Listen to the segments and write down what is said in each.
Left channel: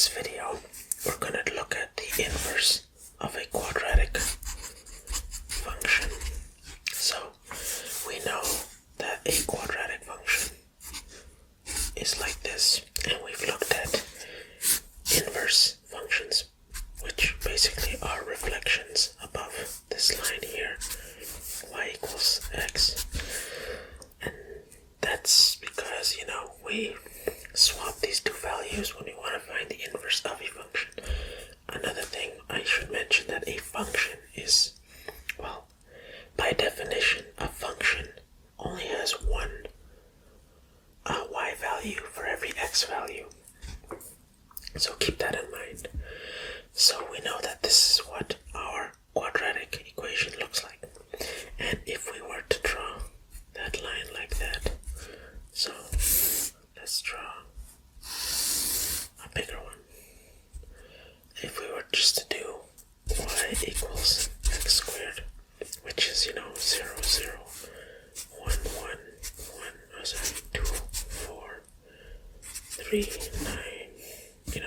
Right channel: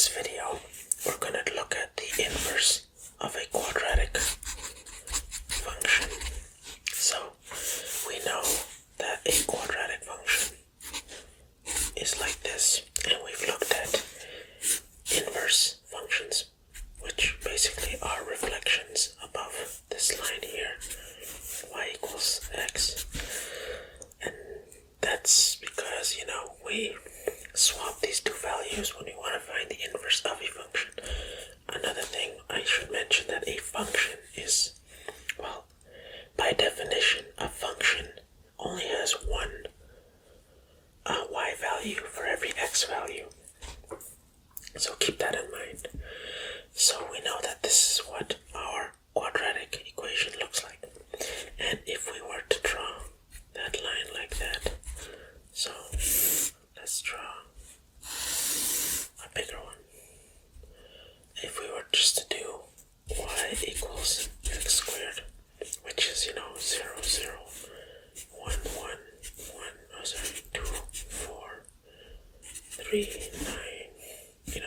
this video, we're going to look at the inverse of a quadratic function. So, we know that a quadratic function is like this, and we've looked at inverse functions, which basically are reflections above this line here, y equals x. And that's because, we swap these two values when we want to find the inverse of a function. Another thing I should mention that a function is, well, by definition, a function only has one y value for every x value. So keep that in mind. So we know that this is what our quadratic equation looks like. And if we were to draw that line like that, so let's draw a bigger one. If we were just to do y equals x squared, which is, 0, 0, 1, 1, 1, 2, 4, 3, 9, 1,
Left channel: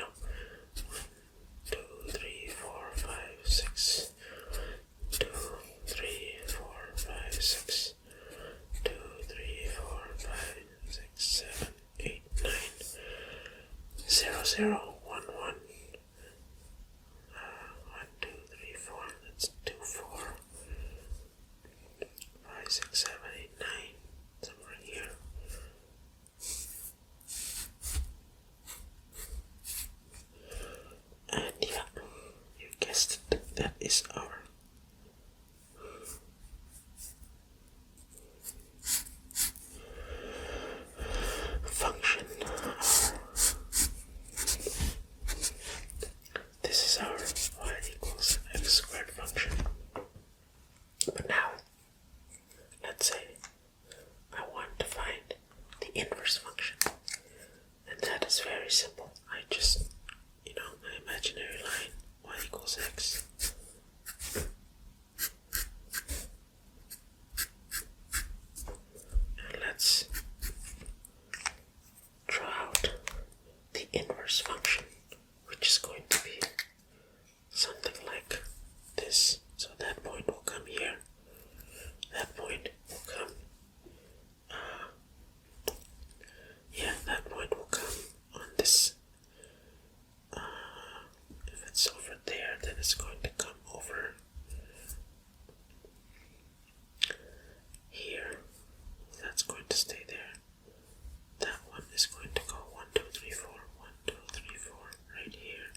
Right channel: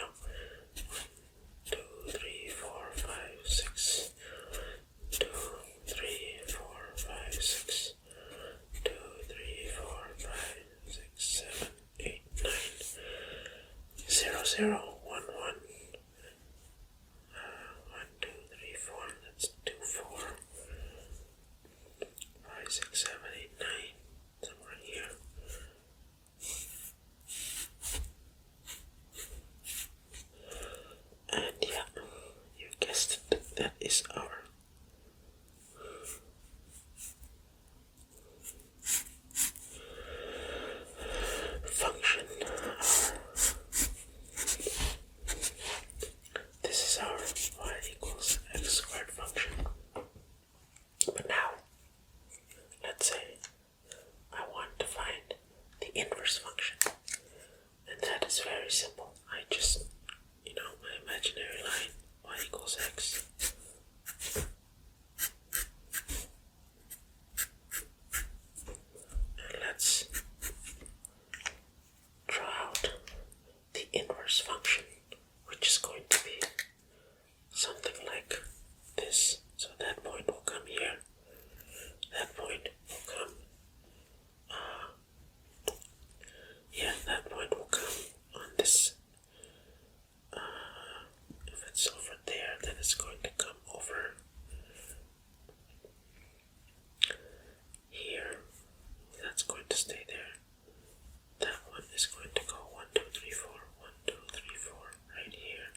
2, 3, 4, 5, 6, 2, 3, 4, 5, 6, 2, 3, 4, 5, 6, 7, 8, 9, 0, 0, 1, 1, 1, 2, 3, 4, that's 2, 4, 5, 6, 7, 8, 9, somewhere here. And yeah, you guessed it, that is our function. This is our y equals x squared function. But now, let's say I want to find the inverse function. And that is very simple. I just, my imaginary line, y equals x. And let's draw out the inverse function, which is going to be something like this. So that point will come here. That point will come, that point will come on this. If it's over there, then it's going to come over here. That's going to stay there. That one is going to go 1, 2, 3, 4, 1, 2, 3, 4, right here.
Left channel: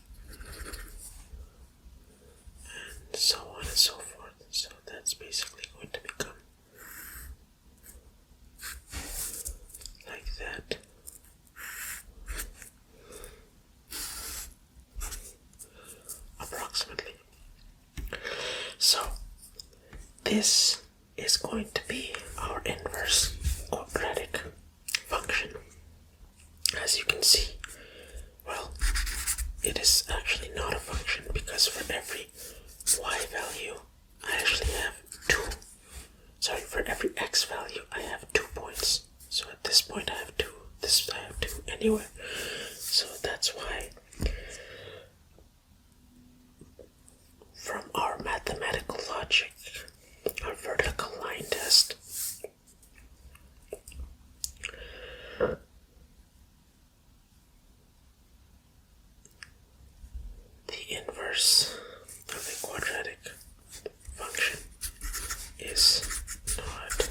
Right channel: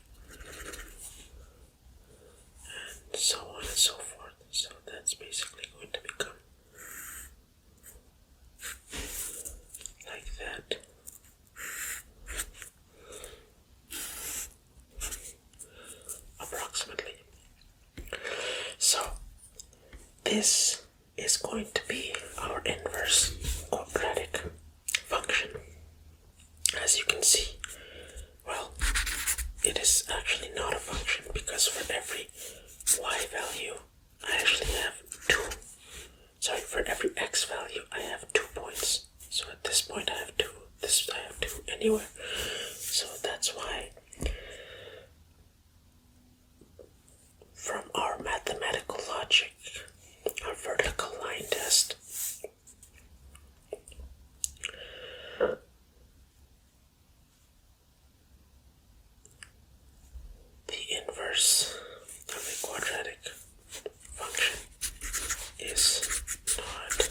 And so on and so forth. So that's basically going to become like that. Approximately. So this is going to be our inverse quadratic function. As you can see, well, it is actually not a function because for every y value I actually have for every x value I have 2 points. So at this point I have 2, this I have 2 anywhere. So that's why from our mathematical logic, our vertical line test, the inverse of a quadratic function is not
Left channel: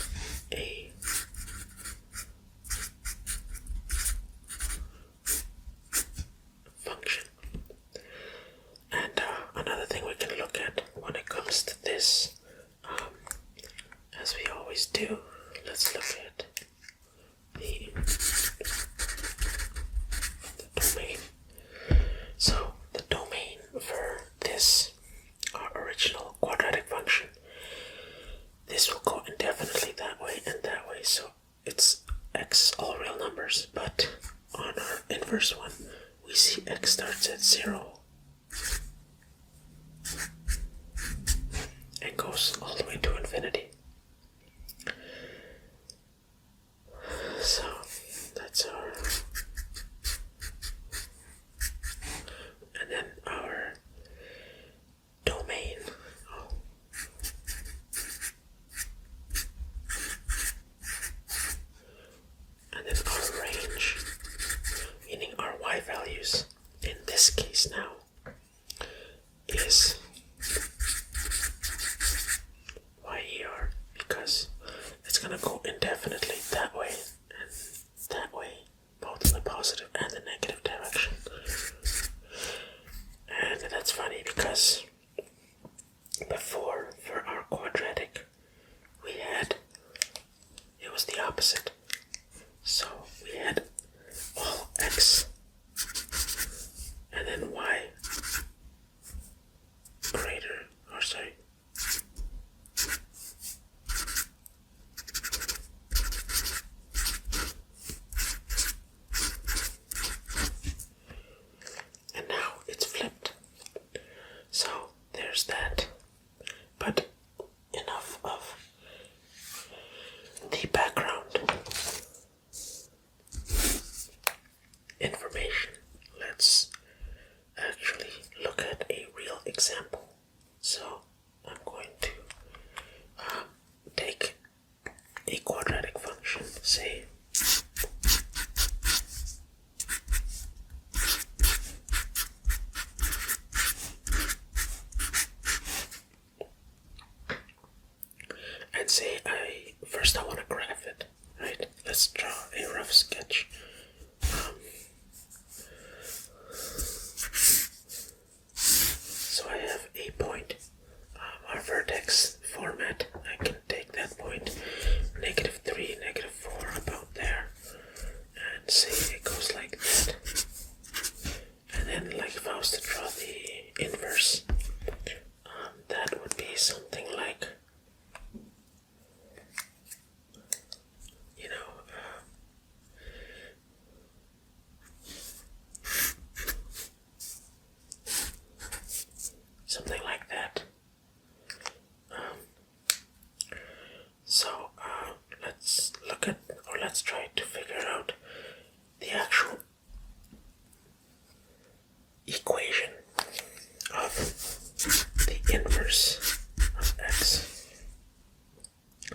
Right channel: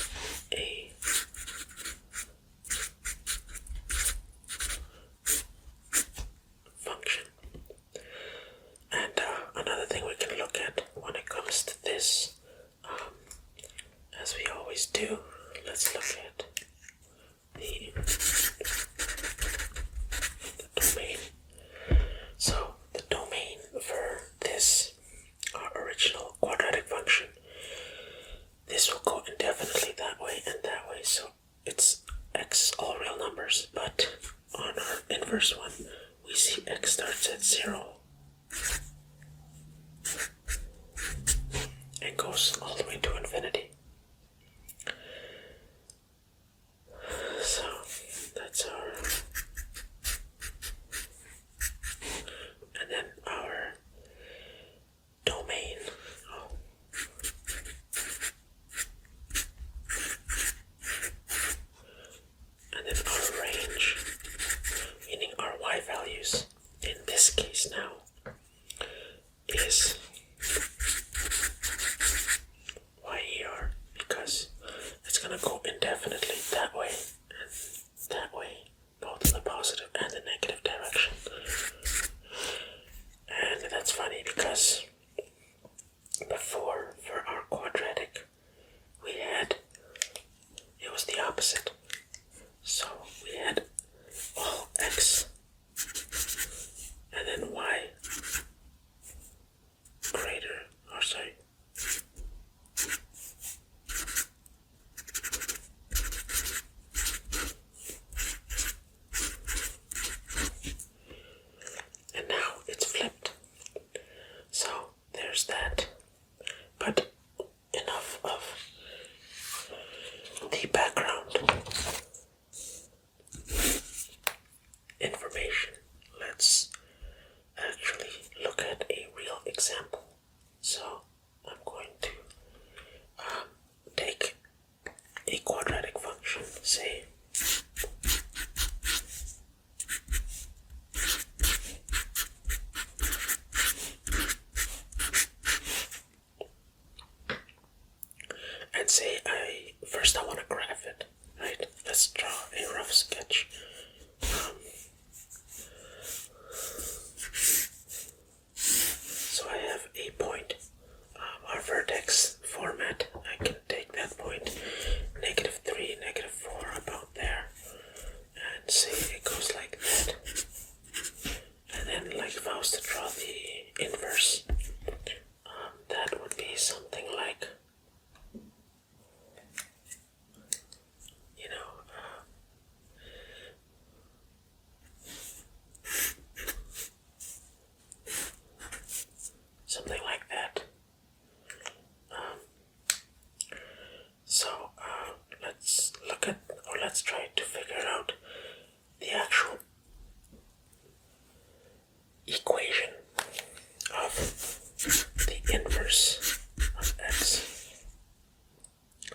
a function. And another thing we can look at when it comes to this, as we always do, let's look at the domain. So the domain for this original quadratic function, this will go indefinitely that way and that way. So it's x all real numbers, but on our inverse one, we see x starts at 0 and goes all the way to infinity. So that's our Because before, for our quadratic, it was the opposite. So we had all x and then y greater, or sorry, and now it's flipped. So there's that. But enough of the background information. Let's actually look at a real example. So I'm going to take a quadratic function, say and say I want to graph it, right? Let's draw a rough sketch. So I have a point. Our vertex format, I can take that point, -3, -4, about there, and say it goes like that. And then, like, if I was to draw the inverse, that would be something like, something like that. So let's look at, or let's try to figure out the actual equation of the inverse of x.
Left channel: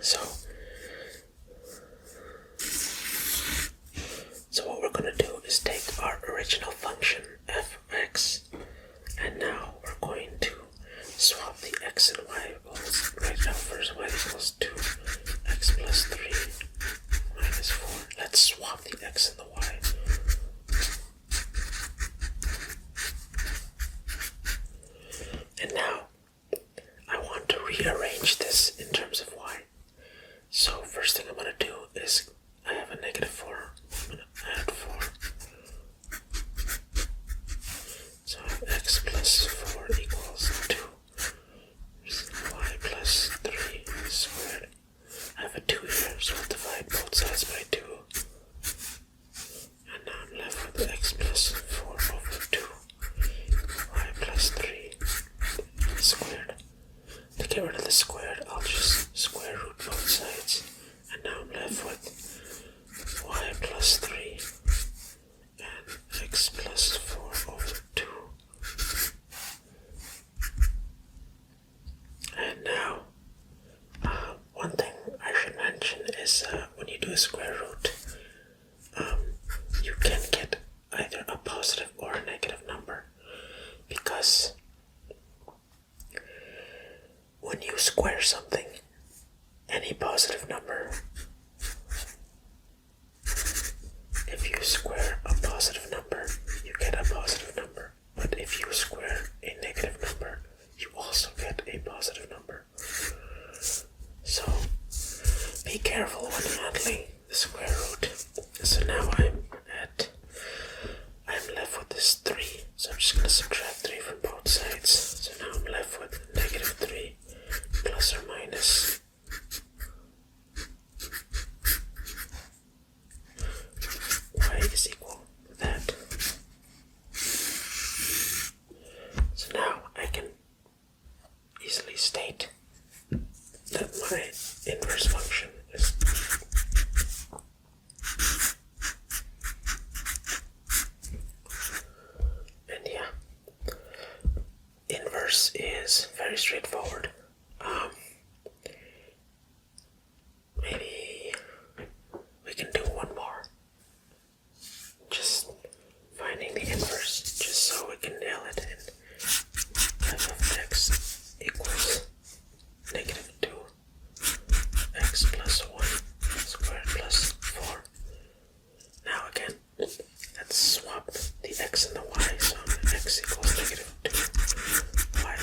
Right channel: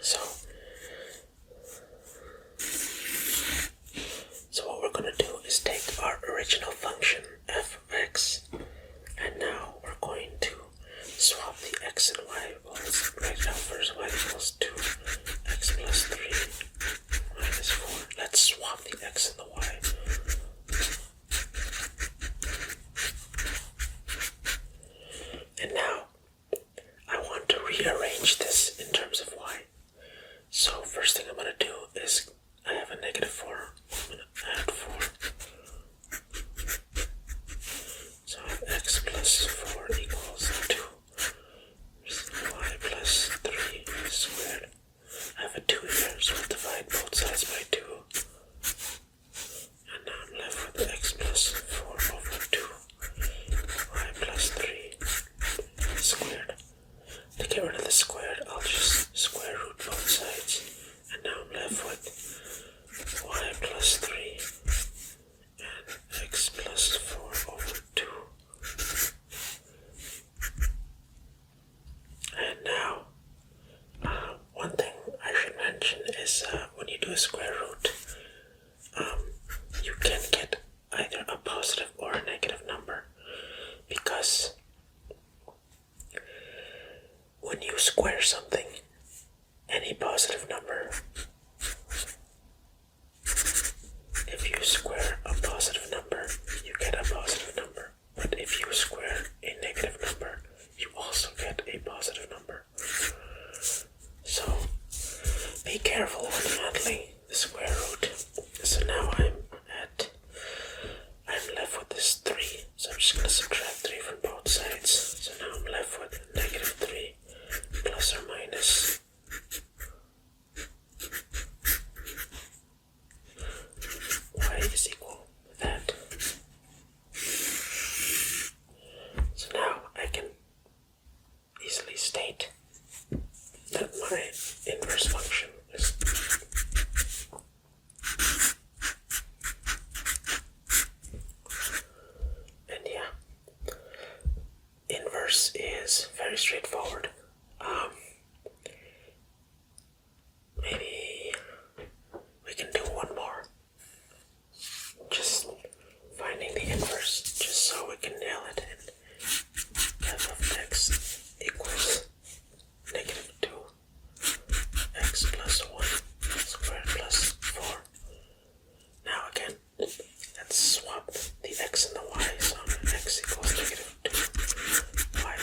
So what we're going to do is take our original function f of x, and now we're going to swap the x and y. Let's write it out first. Y equals 2, x plus 3 minus 4. Let's swap the x and the y. And now I want to rearrange this in terms of y. So first thing I'm going to do is, I have a -4. I'm going to add 4. So I have x plus 4 equals 2. Y plus 3 squared. I have a 2 here, so I'll divide both sides by 2. And now I'm left with x plus 4 over 2. Y plus 3 squared. To get rid of the squared, I'll just square root both sides. And now I'm left with y plus 3 and x plus 4 over 2. And now, one thing I should mention is when you do a square root, you can get either a positive or a negative number, because when you square something, any positive number, if you square a positive number, you get a positive number. But if you square a negative number, you also get a positive number. So be careful when handling the square root. So now I'm left with this 3. So I'm just going to subtract 3 from both sides. So now I'm left with -3 plus or minus y is equal to that. So now I can easily state that my inverse function is inverse is very straightforward. Maybe we can do one more. Just finding the inverse, just so we can nail it in. F of x equals -2 x plus 1 squared plus 4. Now again, let's swap the x and the y. So x equals -2, y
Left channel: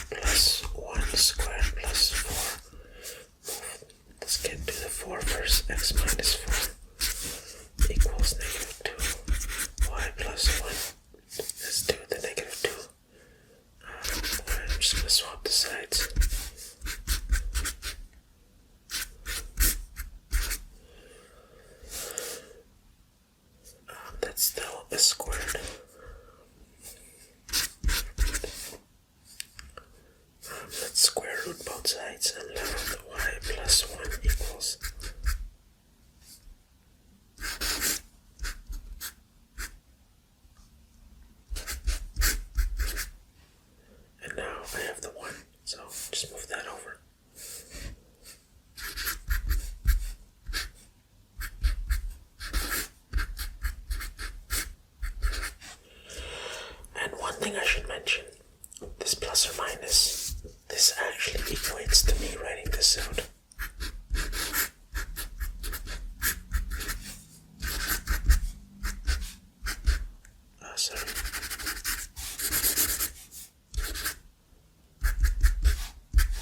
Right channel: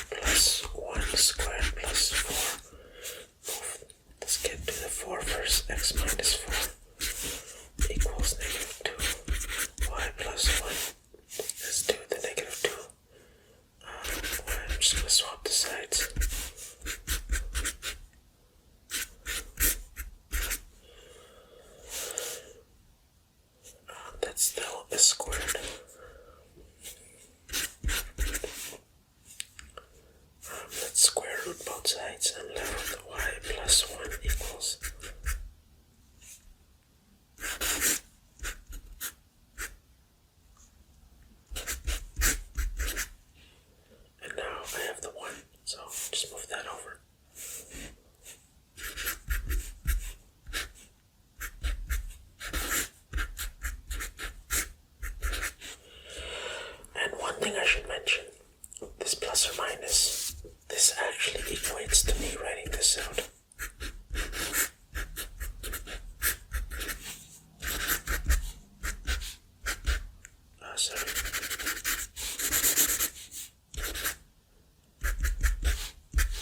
sorry.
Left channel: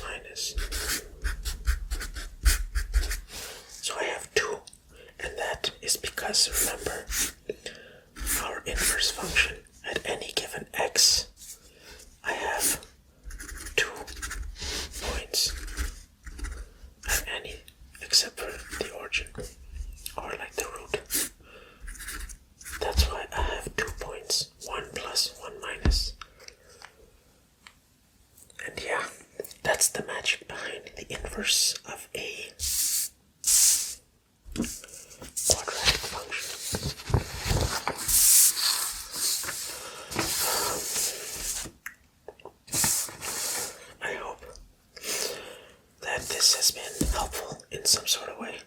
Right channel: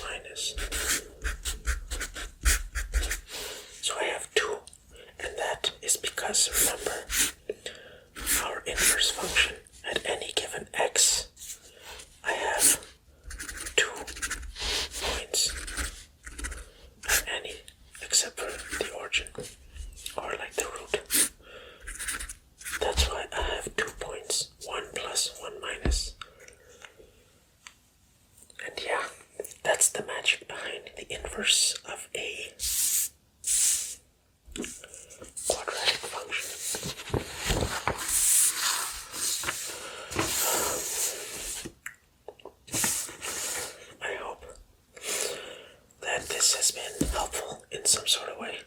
Minus. So I have 2, and that is because, remember, our inverse function at any given x, I have 2 points at any except for the origin, or like the root. That's why I have 2 points, 1 plus, 1 minus. And yeah, that's the magic behind the inverse of a quadratic function. I hope that this has been helpful in some sort of way.